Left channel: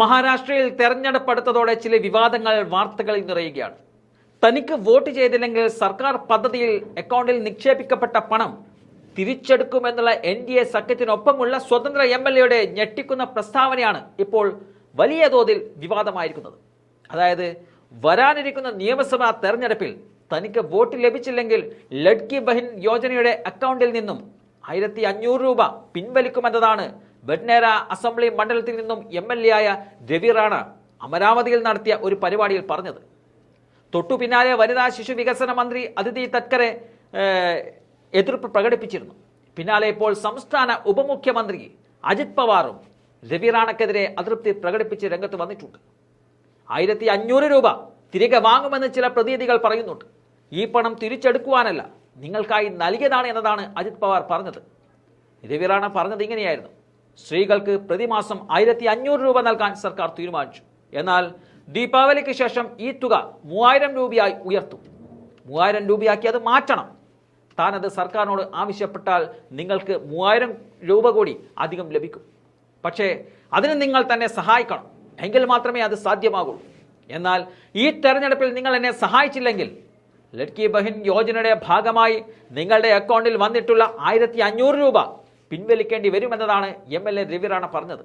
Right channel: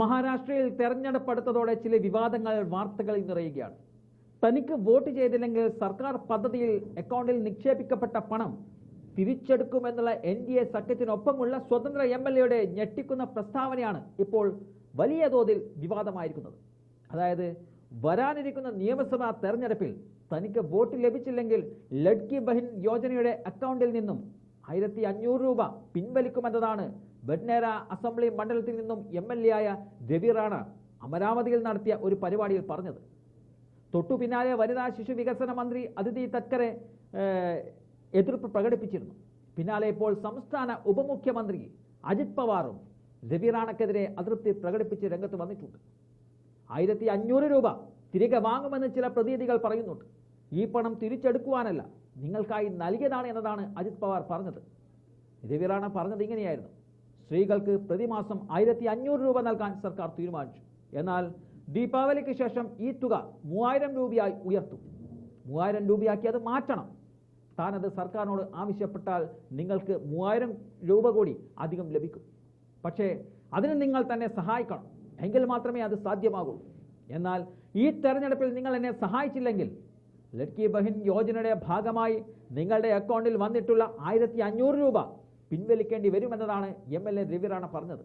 മഹാരാഷ്ട്രയിൽ തെരഞ്ഞെടുപ്പ് അടുത്തതോടെ ചില വിവാദങ്ങൾ വാർത്തകളിൽ നിറയുകയാണ്. തനിക്ക് വോട്ട് ചെയ്തില്ലെങ്കിൽ സർക്കാർ പദ്ധതിയിൽ അക്കൗണ്ടിൽ നിക്ഷേപിക്കപ്പെട്ട പണം തിരിച്ചെടുക്കുമെന്നുള്ള എൻ ഡി എ സഖ്യത്തിനൊപ്പമുള്ള സ്വതന്ത്ര എം എൽ എയുടെ ഞെട്ടിക്കുന്ന പ്രസ്താവനയാണ് ഇപ്പോൾ വലിയ തോതിൽ വിവാദമായിരിക്കുന്നത്. അതായത് വരാനിരിക്കുന്ന നിയമസഭാ തെരഞ്ഞെടുപ്പിൽ തനിക്ക് വോട്ട് ലഭിച്ചില്ലെങ്കിൽ ലഡ്കി ബഹിൻ യോജനയുടെ അക്കൗണ്ടിൽ നിന്നും ആയിരത്തി അഞ്ഞൂറ് രൂപ പിൻവലിക്കുമെന്നതാണ് ബഡ്നേര അസംബ്ലി മണ്ഡലത്തിൽ നിന്നും എം എൽ എ ആയ രവി അമരാവതിയിൽ നടത്തിയ ഒരു പരിപാടിയിൽ പറഞ്ഞത്. തൊട്ടു പിന്നാലെ വനിതാ ശിശു വികസന മന്ത്രി അതിഥി തത്കരെ എതിർപ്പ് പ്രകടിപ്പിച്ചിരുന്നു. പിന്നാലെ ഇപ്പോൾ സംസ്ഥാന ഉപമുഖ്യമന്ത്രി അജിത് പവാറും രവി റാണക്കെതിരെ അതൃപ്തി പ്രകടിപ്പിച്ച് രംഗത്ത് വന്നിട്ടുണ്ട്. ആയിരത്തി അഞ്ഞൂറ് രൂപ തിരികെ വാങ്ങുമെന്ന് ചില പ്രതീതികൾ പറയുന്നുണ്ട്. ഈ പണം തിരിച്ചെടുക്കുവാനല്ല നിങ്ങൾക്കായി നൽകിയതാണ് എന്നതാണ് അജിത് പവാർ പറഞ്ഞത്. രവി റാണ പറഞ്ഞത് ഇങ്ങനെയായിരുന്നു. സ്ത്രീകൾക്ക് പ്രതിമാസം ആയിരത്തി അഞ്ഞൂറ് രൂപ നൽകാൻ സർക്കാർ തീരുമാനിച്ചു. എന്നാൽ ദീപാവലിക്ക് ശേഷം ഈ തുക മൂവായിരം രൂപയായി ഉയർത്തും. മൂവായിരം രൂപയാക്കി അത് മാറ്റണം. താനത് സർക്കാരിനോട് ആവശ്യപ്പെട്ടാൽ നിങ്ങൾക്ക് മൂവായിരം രൂപ കൂടി അധികം ലഭിക്കും. പക്ഷേ അതിന് നിങ്ങൾ തന്നെ സഹായിക്കണം. എങ്കിൽ മാത്രമേ അത് സാധ്യമാകൂ എന്നാൽ ഈ തെരഞ്ഞെടുപ്പിൽ നിങ്ങൾ എന്നെ സഹായിച്ചില്ലെങ്കിൽ ലഡ്കി ബഹിൻ യോജനയുടെ ഭാഗമായി നിങ്ങളുടെ അക്കൗണ്ടിൽ വന്നിട്ടുള്ള ആയിരത്തി രൂപ പിൻവലിക്കേണ്ടി വരുമെന്നതാണ് എം എൽ എ രവിറാണ പറഞ്ഞത്.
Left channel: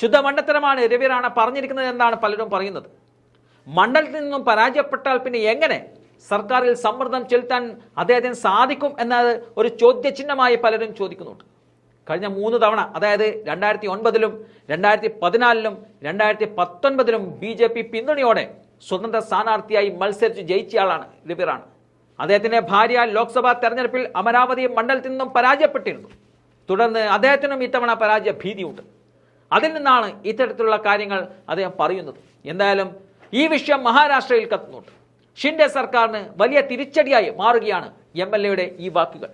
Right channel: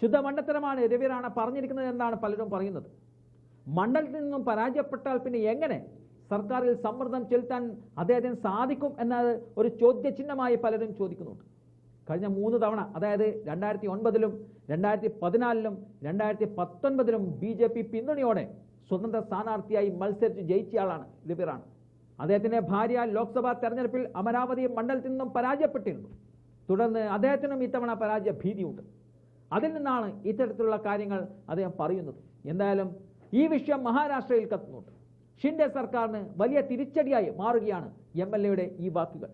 ശുദ്ധ മണ്ടത്തരമാണ് രവിറാണ പറഞ്ഞിരിക്കുന്നത് എന്നാണ് പലരും പറയുന്നത്. മണ്ഡലത്തിൽ നിന്നും പരാജയപ്പെട്ടാൽ പിന്നെ എങ്ങനെ സർക്കാരിൽ സമ്മർദ്ദം ചെലുത്താൻ അദ്ദേഹത്തിന് സാധിക്കും എന്നത് ഒരു ചോദ്യചിഹ്നമായി പലരും ചോദിക്കുന്നുണ്ട്. കഴിഞ്ഞ മൂന്ന് തവണ അതായത് രണ്ടായിരത്തി ഒൻപതിലും രണ്ടായിരത്തി പതിനാലിലും രണ്ടായിരത്തി പത്തൊൻപതിലും ബി ജെ പി പിന്തുണയോടെ സ്വതന്ത്ര സ്ഥാനാർത്ഥിയായി മത്സരിച്ച് ജയിച്ചയാളാണ് രവിറാണ്. അദ്ദേഹത്തിന്റെ ഭാര്യ ലോക്സഭാ തെരഞ്ഞെടുപ്പിൽ അമരാവതി മണ്ഡലത്തിൽ നിന്നും പരാജയപ്പെട്ടിരുന്നു. തുടർന്ന് അദ്ദേഹത്തിനും ഇത്തവണ പരാജയ ഭീതിയുണ്ട് അതിൽ നിന്നാണ് ഇത്തരത്തിലുള്ള കാര്യങ്ങൾ അദ്ദേഹം പറയുന്നത്. എന്തായാലും ഈ വിഷയം മഹാരാഷ്ട്രയിൽ കത്തുന്നുണ്ട്. ഷിൻഡെ സർക്കാരിന് വലിയ തിരിച്ചടിയായി മാറുകയാണ് എം ഈ വാക്കുകൾ.